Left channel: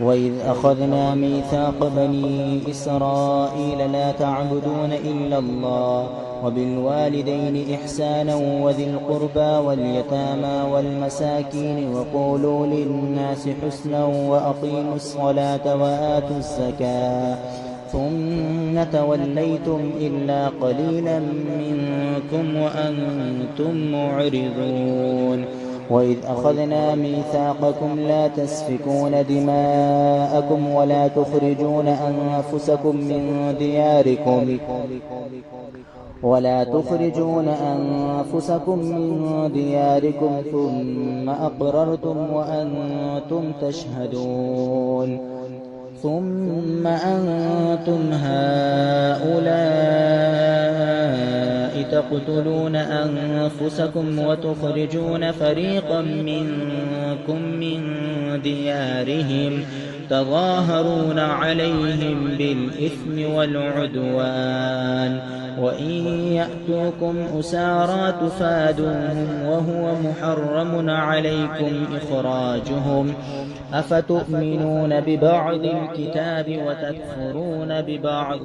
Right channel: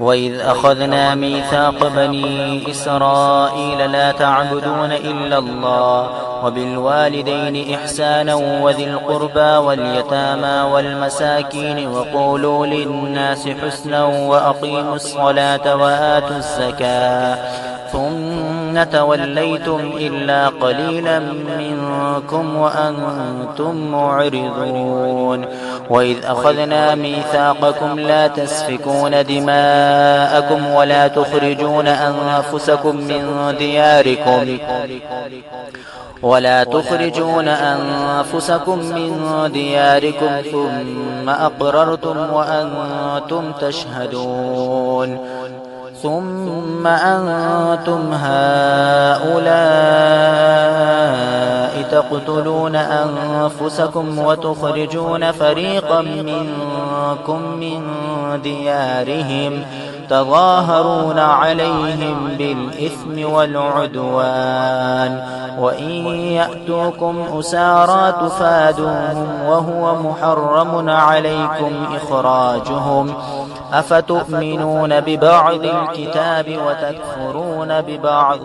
وإذ أخذنا ميثاق بني إسرائيل لا تعبدون إلا الله وبالوالدين إحسانا وذي القربى واليتامى والمساكين وقولوا للناس حسنا وأقيموا الصلاة وآتوا الزكاة ثم توليتم إلا قليلا منكم وأنتم معرضون. وإذ أخذنا ميثاقكم لا تسفكون دماءكم ولا تخرجون أنفسكم من دياركم ثم أقررتم وأنتم تشهدون. ثم أنتم هؤلاء تقتلون أنفسكم وتخرجون فريقا منكم من ديارهم تظاهرون عليهم بالإثم والعدوان وإن يأتوكم أسارى تفادوهم وهو محرم عليكم إخراجهم أفتؤمنون ببعض الكتاب وتكفرون ببعض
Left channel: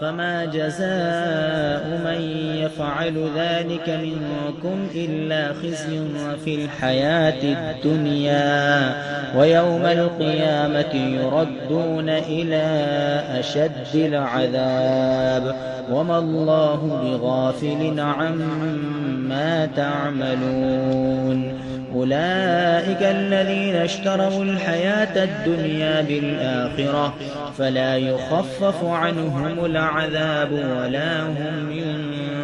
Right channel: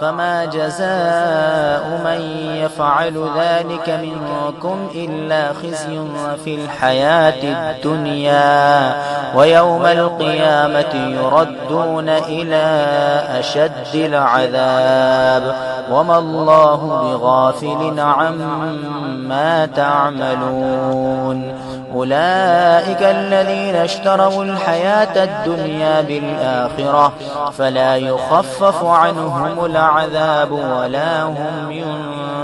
فما جزاء من يفعل ذلك منكم إلا خزي في الحياة الدنيا ويوم القيامة يردون إلى أشد العذاب وما الله بغافل عما تعملون. أولئك الذين اشتروا الحياة الدنيا بالآخرة فلا يخفف عنهم العذاب ولا هم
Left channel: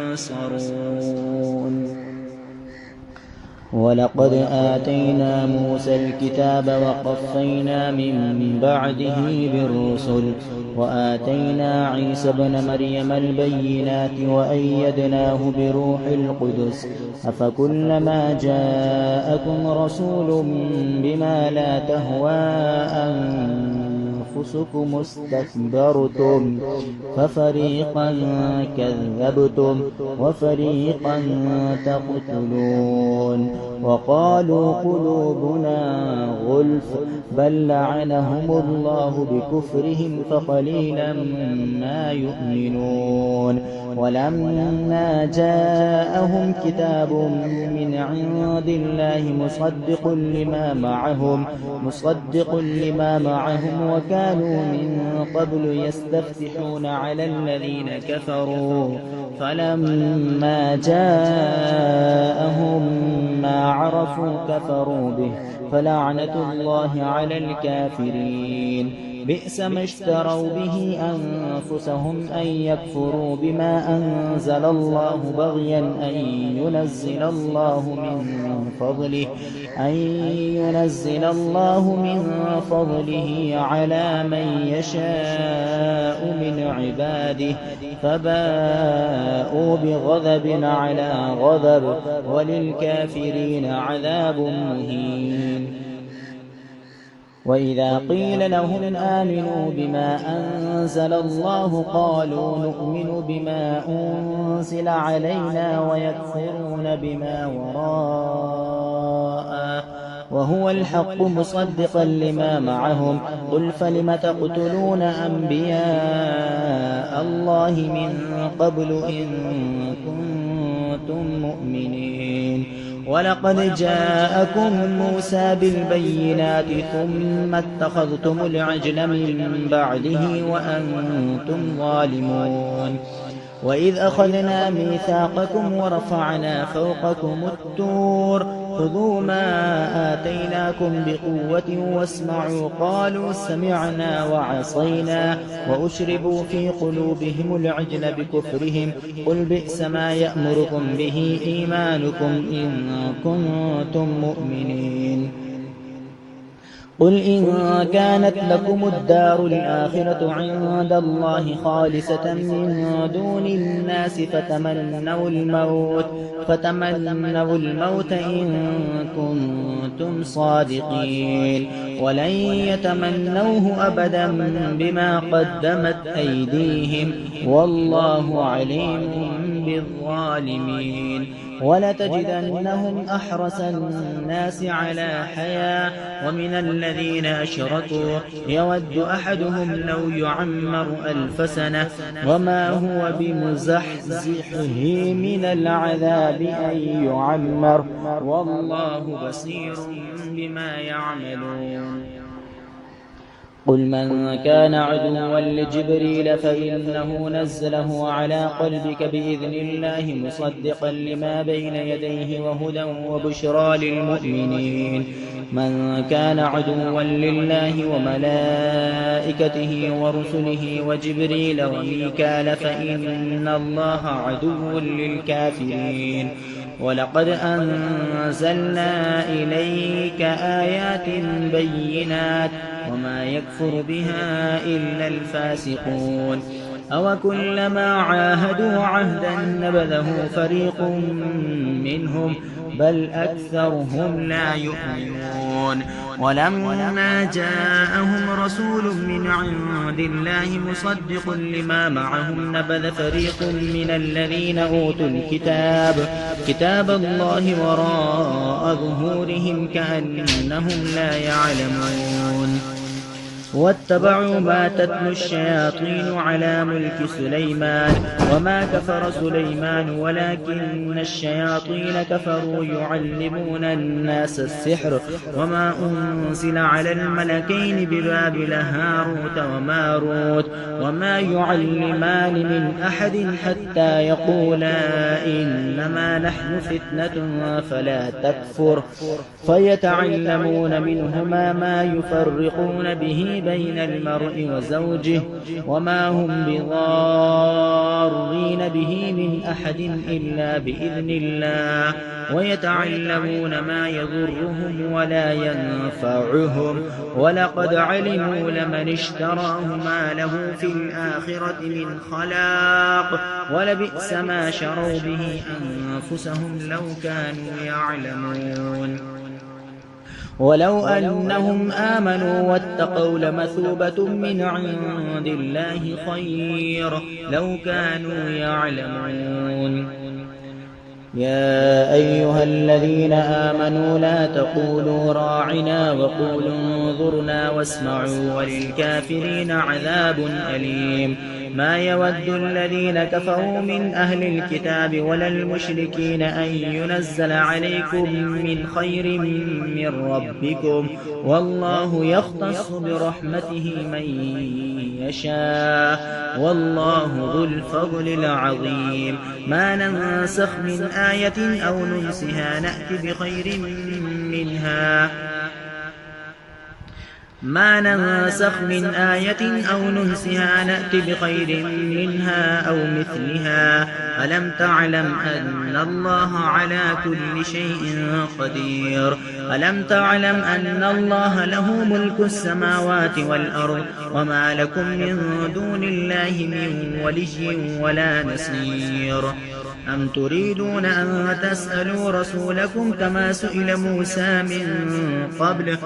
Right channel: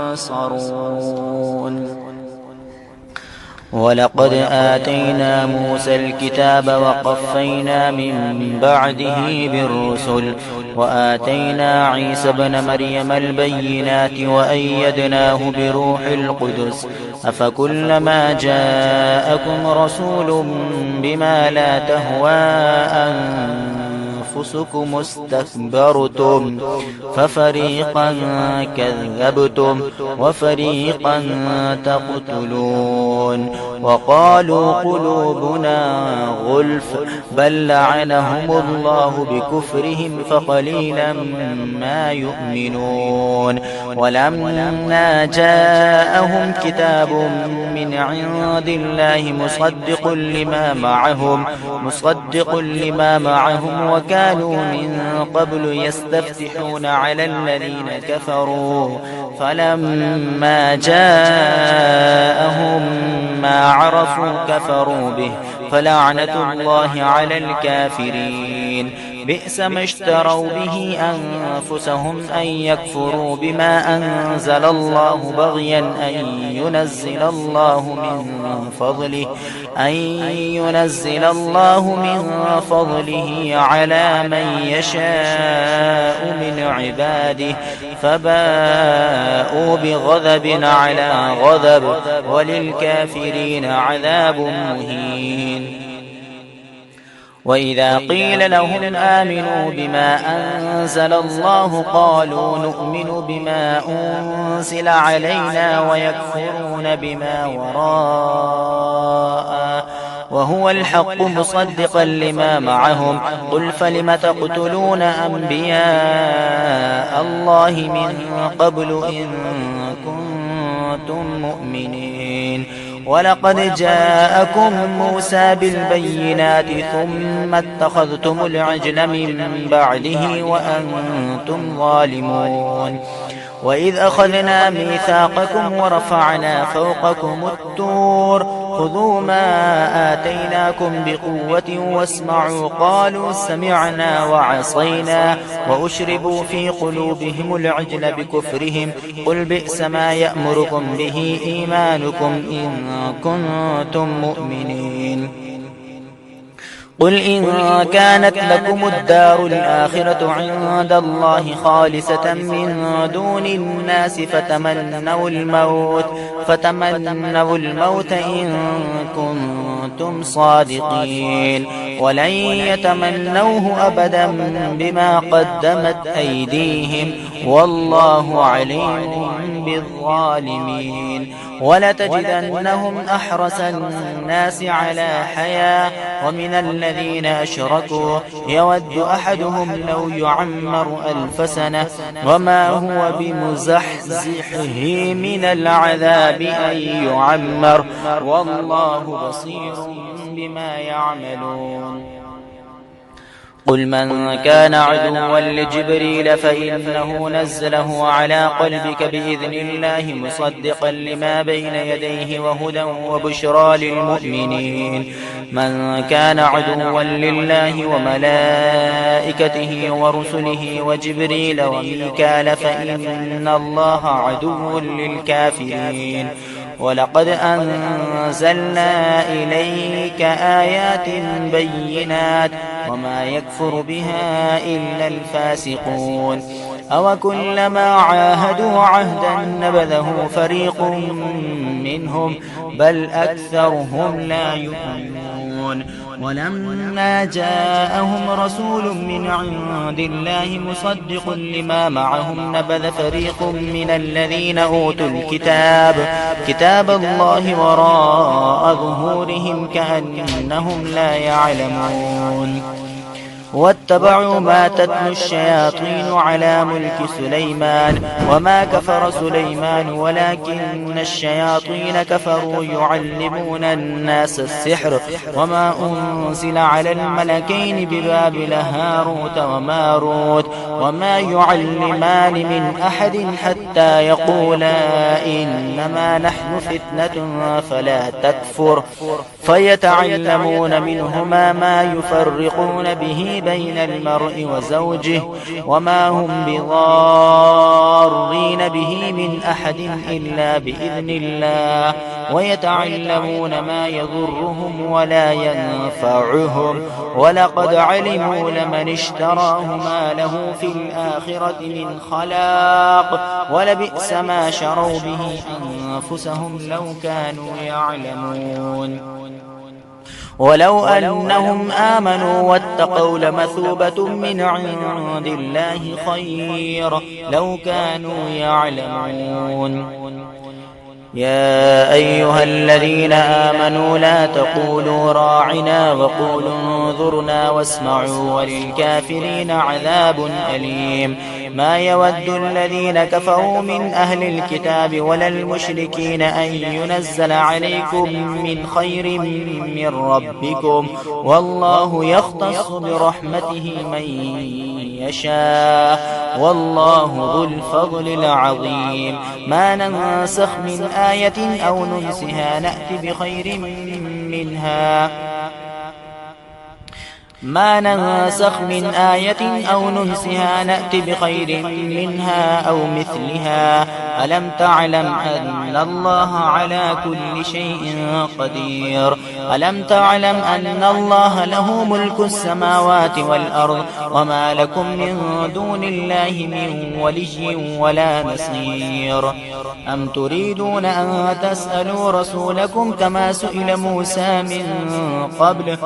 ينصرون. ولقد آتينا موسى الكتاب وقفينا من بعده بالرسل وآتينا عيسى ابن مريم البينات وأيدناه بروح القدس أفكلما جاءكم رسول بما لا تهوى أنفسكم استكبرتم ففريقا كذبتم وفريقا تقتلون. وقالوا قلوبنا غلف بل لعنهم الله بكفرهم فقليلا ما يؤمنون. ولما جاءهم كتاب من عند الله مصدق لما معهم وكانوا من قبل يستفتحون على الذين كفروا فلما جاءهم ما عرفوا كفروا به فلعنة الله على الكافرين. بئس ما اشتروا به أنفسهم أن يكفروا بما أنزل الله بغيا أن ينزل الله من فضله على من يشاء من عباده فباءوا بغضب على غضب وللكافرين عذاب مهين. وإذا قيل لهم آمنوا بما أنزل الله قالوا نؤمن بما أنزل علينا ويكفرون بما وراءه وهو الحق مصدقا لما معهم قل فلم تقتلون أنبياء الله من قبل إن كنتم مؤمنين. ولقد جاءكم موسى بالبينات ثم اتخذتم العجل من بعده وأنتم ظالمون. وإذ أخذنا ميثاقكم ورفعنا فوقكم الطور خذوا ما آتيناكم بقوة واسمعوا قالوا سمعنا وعصينا وأشربوا في قلوبهم العجل بكفرهم قل بئس ما يأمركم به إيمانكم إن كنتم مؤمنين. قل إن كانت لكم الدار الآخرة عند الله خالصة من دون الناس فتمنوا الموت إن كنتم صادقين ولن يتمنوه أبدا بما قدمت أيديهم والله عليم بالظالمين. ولتجدنهم أحرس الناس على حياة ومن الذين أشركوا يود أحدهم لو يعمر 1000 سنة وما هو بمزحزحه من العذاب أن يعمر والله بصير بما يعملون. قل من كان عدوا لجبريل فإنه نزله على قلبك بإذن الله مصدقا لما بين يديه وهدى وبشرى للمؤمنين. من كان عدوا لله وملائكته ورسله وجبريل وميكال فإن الله عدو للكافرين. ولقد أنزلنا إليك آيات بينات وما يكفر بها إلا الفاسقون. أوكلما عاهدوا عهدا نبذه فريق منهم بل أكثرهم لا يؤمنون. ولما جاءهم رسول من عند الله مصدق لما معهم نبذ فريق من الذين أوتوا الكتاب كتاب الله وراء ظهورهم كأنهم لا يعلمون. واتبعوا ما تتلو الشياطين على ملك سليمان وما كفر سليمان ولكن الشياطين كفروا يعلمون الناس السحر وما أنزل على الملكين ببابل هاروت وماروت وما يعلمان من أحد حتى يقولا إنما نحن فتنة فلا تكفر فيتعلمون منهما ما يفرقون به بين المرء وزوجه وما هم بضارين به من أحد إلا بإذن الله ويتعلمون ما يضرهم ولا ينفعهم ولقد علموا لمن اشتراه ما له في الآخرة من خلاق ولبئس ما شروا به أنفسهم لو كانوا يعلمون. ولو أنهم آمنوا واتقوا لمثوبة من عند الله خير لو كانوا يعلمون. يا أيها الذين آمنوا لا تقولوا راعنا وقولوا انظرنا واسمعوا وللكافرين عذاب أليم. ما يود الذين كفروا من أهل الكتاب ولا المشركين أن ينزل عليكم من خير من ربكم والله يختص برحمته من يشاء والله ذو الفضل العظيم. ما ننسخ من آية أو ننسها نأتي بخير منها ما ننسخ من آية أو ننسها نأتي بخير منها أو مثلها. ألم تعلم أن الله على كل شيء قدير. ألم تعلم أن الله له ملك السماوات والأرض وما لكم من دون الله من ولي ولا نصير. أم تريدون أن تسألوا رسولكم كما سئل موسى من قبل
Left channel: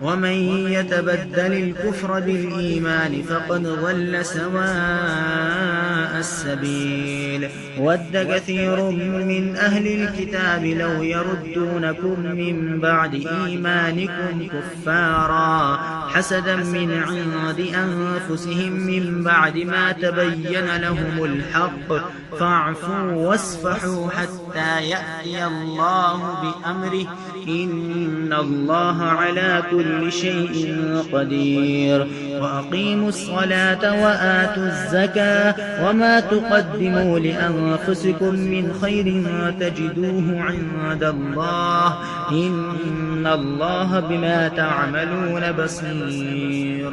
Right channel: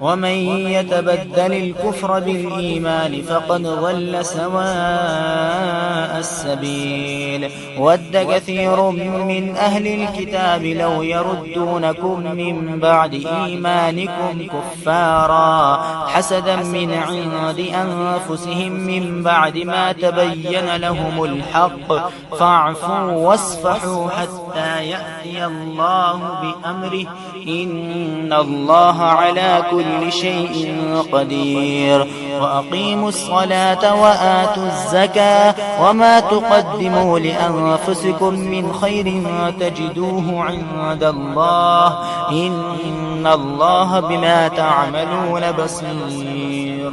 ومن يتبدل الكفر بالإيمان فقد ضل سواء السبيل. ود كثير من أهل الكتاب لو يردونكم من بعد إيمانكم كفارا حسدا من عند أنفسهم من بعد ما تبين لهم الحق فاعفوا واصفحوا حتى يأتي الله بأمره إن الله على كل شيء قدير. وأقيموا الصلاة وآتوا الزكاة وما تقدموا لأنفسكم من خير تجدوه عند الله إن الله بما تعملون بصير.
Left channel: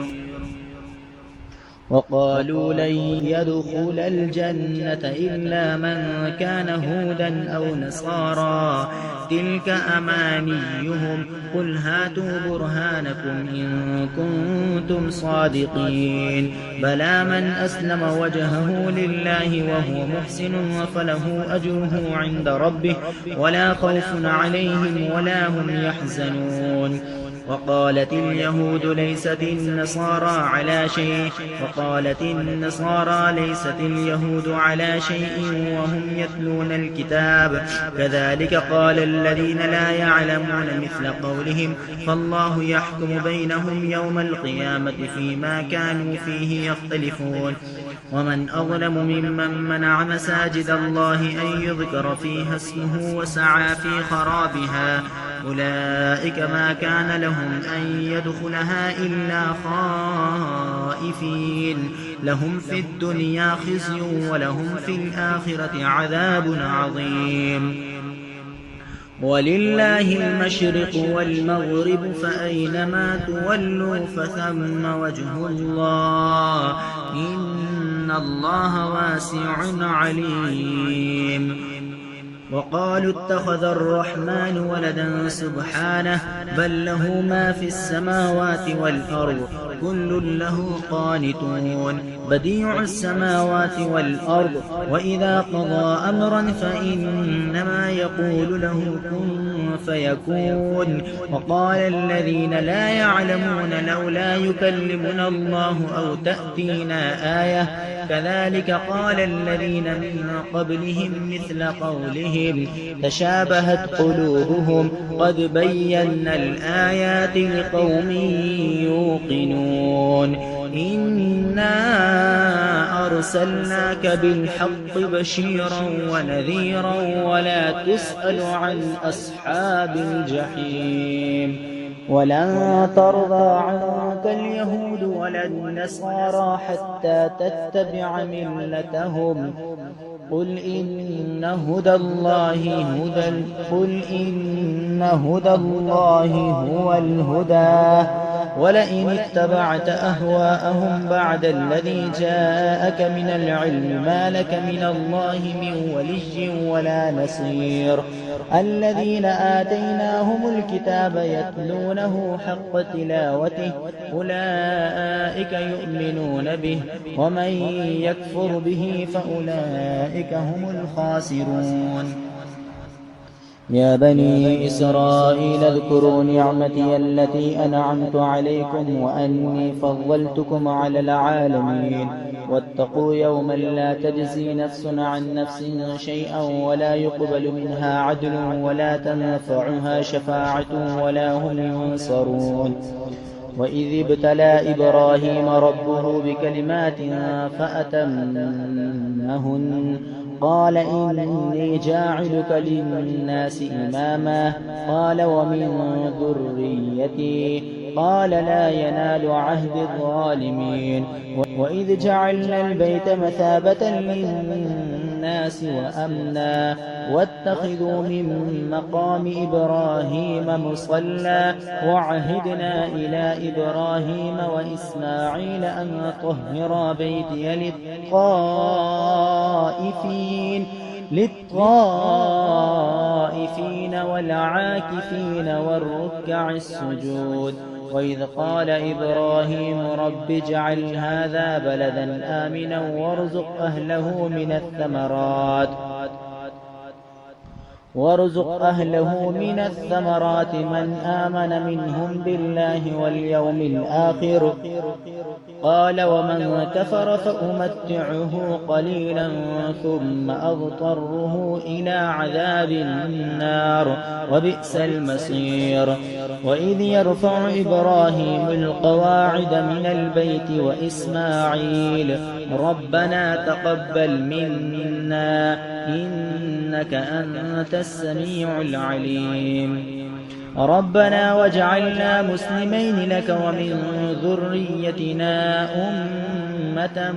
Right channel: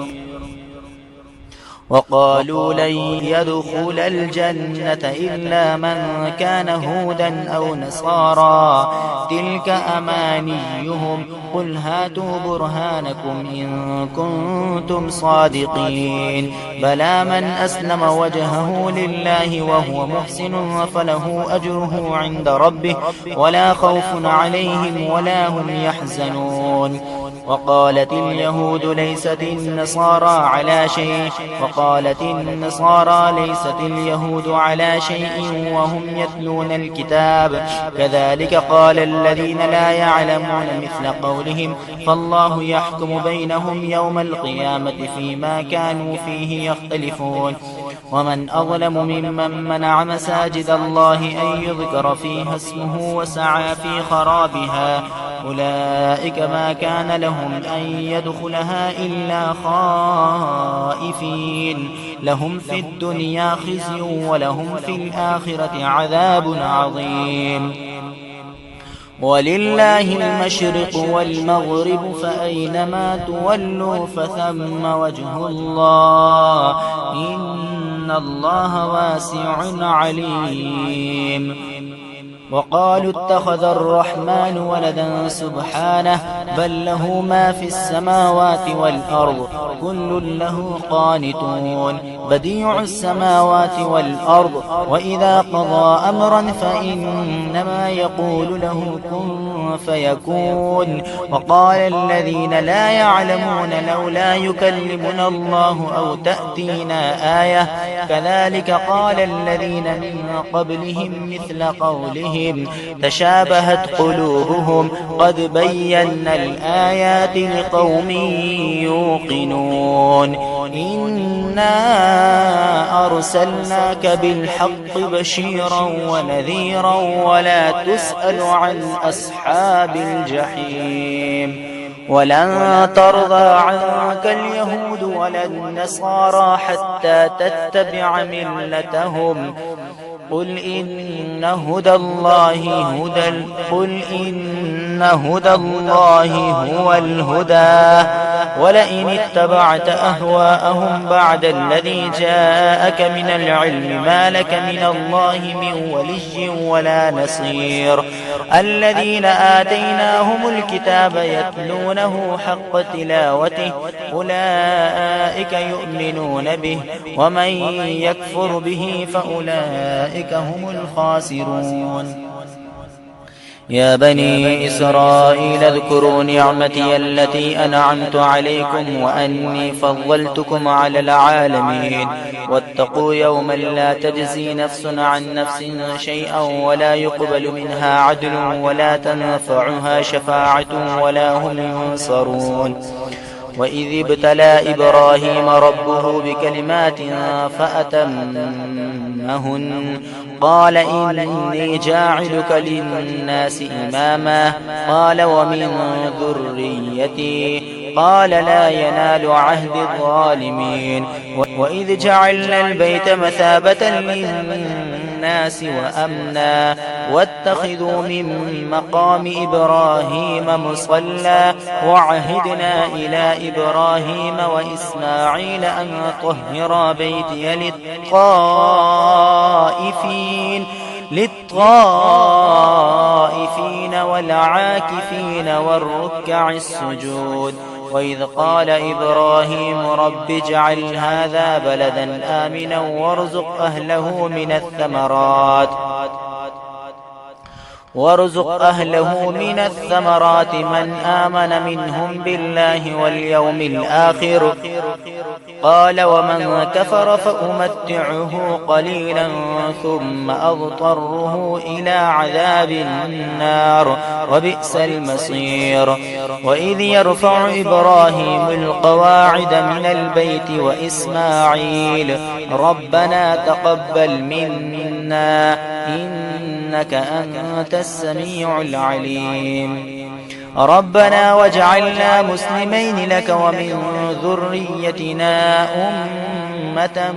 وقالوا لن يدخل الجنة إلا من كان هودا أو نصارى تلك أمانيهم قل هاتوا برهانكم إن كنتم صادقين. بلى من أسلم وجهه لله وهو محسن فله أجره عند ربه ولا خوف عليهم ولا هم يحزنون. وقالت اليهود ليست النصارى على شيء وقالت النصارى ليست اليهود على شيء وهم يتلون الكتاب كذلك قال الذين لا يعلمون مثل قولهم فالله يحكم بينهم يوم القيامة فيما كانوا فيه يختلفون ومن أظلم ممن منع مساجد الله أن يذكر فيها اسمه وسعى في خرابها أولئك ما كان لهم أن يدخلها إلا خائفين لهم في الدنيا خزي ولهم في الآخرة عذاب عظيم ولله المشرق والمغرب فأينما تولوا فثم وجه الله إن الله واسع عليم وقالوا اتخذ الرحمن ولدا سبحانه بل له ما في السماوات والأرض كل له قانتون بديع السماوات والأرض وإذا قضى أمرا فإنما يقول له كن فيكون وقال الذين لا يعلمون لولا يكلمنا الله أو تأتينا آية كذلك قال الذين من قبلهم مثل قولهم تشابهت قلوبهم قد بينا الآيات لقوم يوقنون إنا أرسلناك بالحق بشيرا ونذيرا ولا تسأل عن أصحاب الجحيم ولن ترضى عنك اليهود ولا النصارى حتى تتبع ملتهم قل إن هدى الله هو الهدى ولئن اتبعت أهواءهم بعد الذي جاءك من العلم ما لك من الله من ولي ولا نصير الذين آتيناهم الكتاب يتلونه حق تلاوته أولئك يؤمنون به ومن يكفر به فأولئك هم الخاسرون يا بني إسرائيل اذكروا نعمتي التي أنعمت عليكم وأني فضلتكم على العالمين واتقوا يوما لا تجزي نفس عن نفس شيئا ولا يقبل منها عدل ولا تنفعها شفاعة ولا هم ينصرون وإذ ابتلى إبراهيم ربه بكلمات فأتمهن قال إني جاعلك للناس إماما قال ومن ذريتي قال لا ينال عهد الظالمين وإذ جعلنا البيت مثابة للناس وأمنا واتخذوا من مقام إبراهيم مصلى وعهدنا إلى إبراهيم وإسماعيل أن طهرا بيتي للطائفين والعاكفين والركع السجود وإذ قال إبراهيم رب اجعل هذا بلدا آمنا وارزق أهله من الثمرات من آمن منهم بالله واليوم الآخر قال ومن كفر فأمتعه قليلا ثم أضطره إلى عذاب النار وبئس المصير وإذ يرفع إبراهيم القواعد من البيت وإسماعيل ربنا تقبل منا إنك أنت السميع العليم ربنا واجعلنا مسلمين لك ومن ذريتنا أمة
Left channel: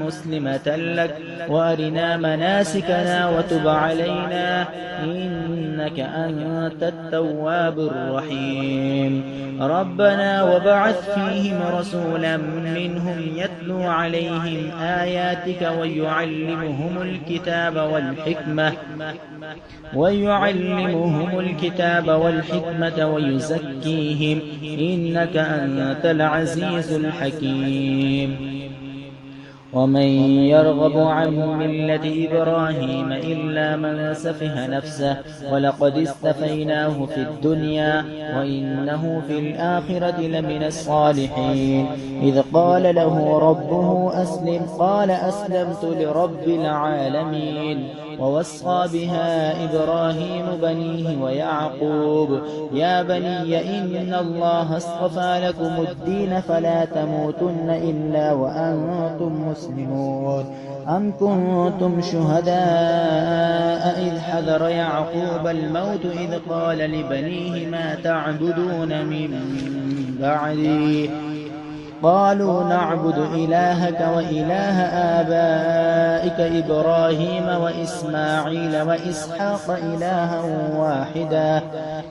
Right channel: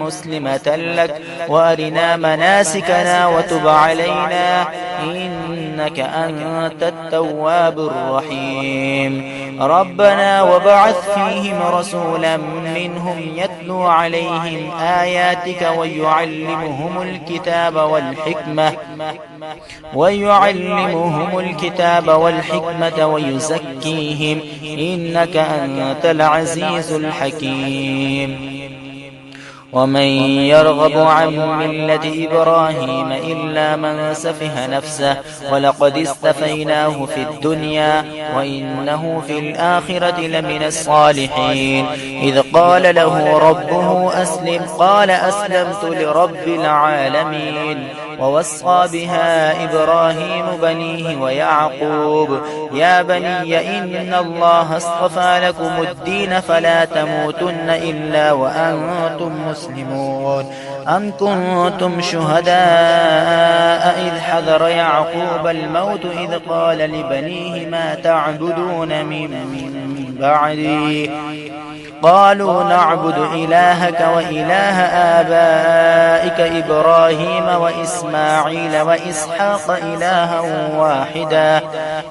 مسلمة لك وأرنا مناسكنا وتب علينا إنك أنت التواب الرحيم ربنا وبعث فيهم رسولا منهم يتلو عليهم آياتك ويعلمهم الكتاب والحكمة ويزكيهم إنك أنت العزيز الحكيم ومن يرغب عن ملة إبراهيم إلا من سفه نفسه ولقد استفيناه في الدنيا وإنه في الآخرة لمن الصالحين إذ قال له ربه أسلم قال أسلمت لرب العالمين ووصى بها إبراهيم بنيه ويعقوب يا بني إن الله اصطفى لكم الدين فلا تموتن إلا وأنتم مسلمون أم كنتم شهداء إذ حضر يعقوب الموت إذ قال لبنيه ما تعبدون من بعدي قالوا نعبد إلهك وإله آبائك إبراهيم وإسماعيل وإسحاق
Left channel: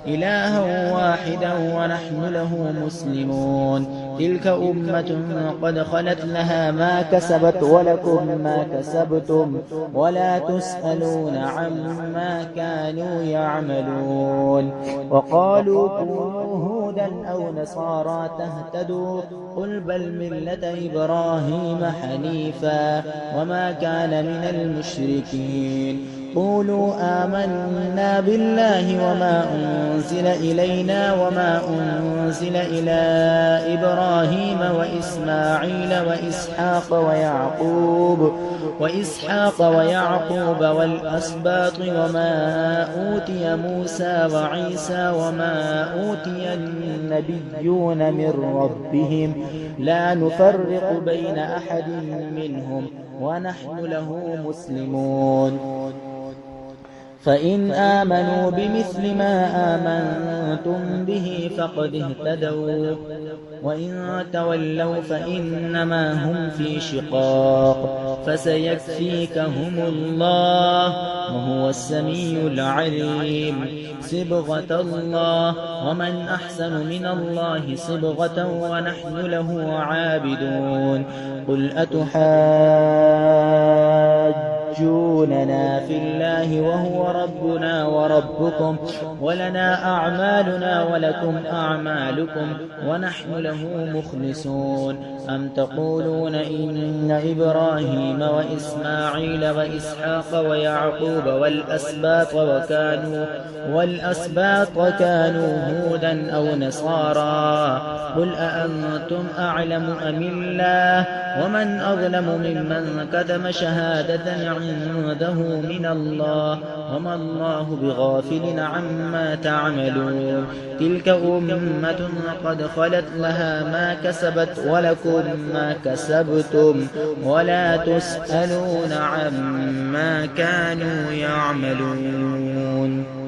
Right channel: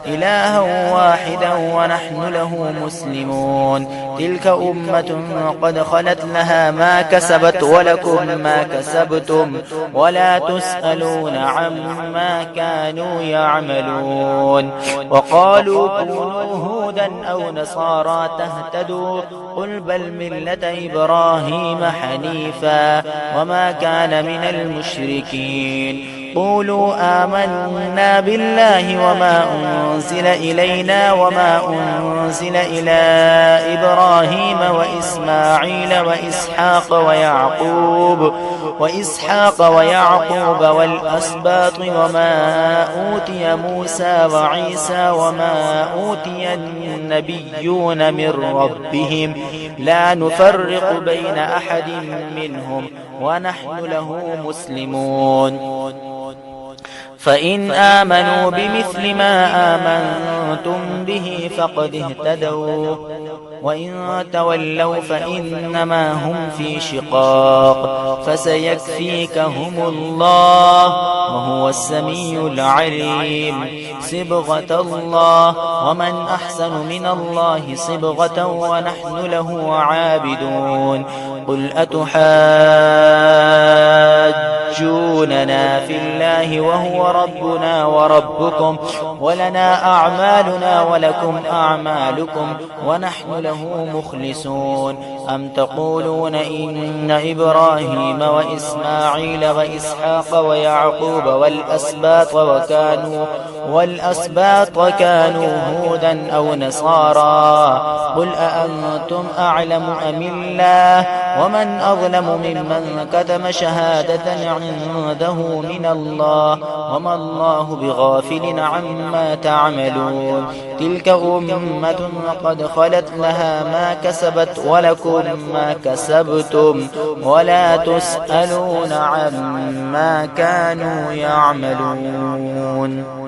إلها واحدا ونحن له مسلمون تلك أمة قد خلت لها ما كسبت ولكم ما كسبتم ولا تسألون عما كانوا يعملون وقالوا كونوا هودا أو نصارى تهتدوا قل بل ملة إبراهيم حنيفا وما كان من المشركين قولوا آمنا بالله وما أنزل إلينا وما أنزل إلى إبراهيم وإسماعيل وإسحاق ويعقوب والأسباط وما أوتي موسى وعيسى وما أوتي النبيون من ربهم لا نفرق بين أحد منهم ونحن له مسلمون فإن آمنوا بمثل ما آمنتم به فقد اهتدوا وإن تولوا فإنما هم في شقاق فسيكفيكهم الله وهو السميع العليم صبغة الله ومن أحسن من الله صبغة ونحن له عابدون قل أتحاجوننا في الله وهو ربنا وربكم ولنا أعمالنا ولكم أعمالكم ونحن له مخلصون أم تقولون إن إبراهيم وإسماعيل وإسحاق ويعقوب والأسباط كانوا هودا أو نصارى قل أأنتم أعلم أم الله ومن أظلم ممن كتم شهادة عنده من الله وما الله بغافل عما تعملون تلك أمة قد خلت لها ما كسبت ولكم ما كسبتم ولا تسألون عما كانوا يعملون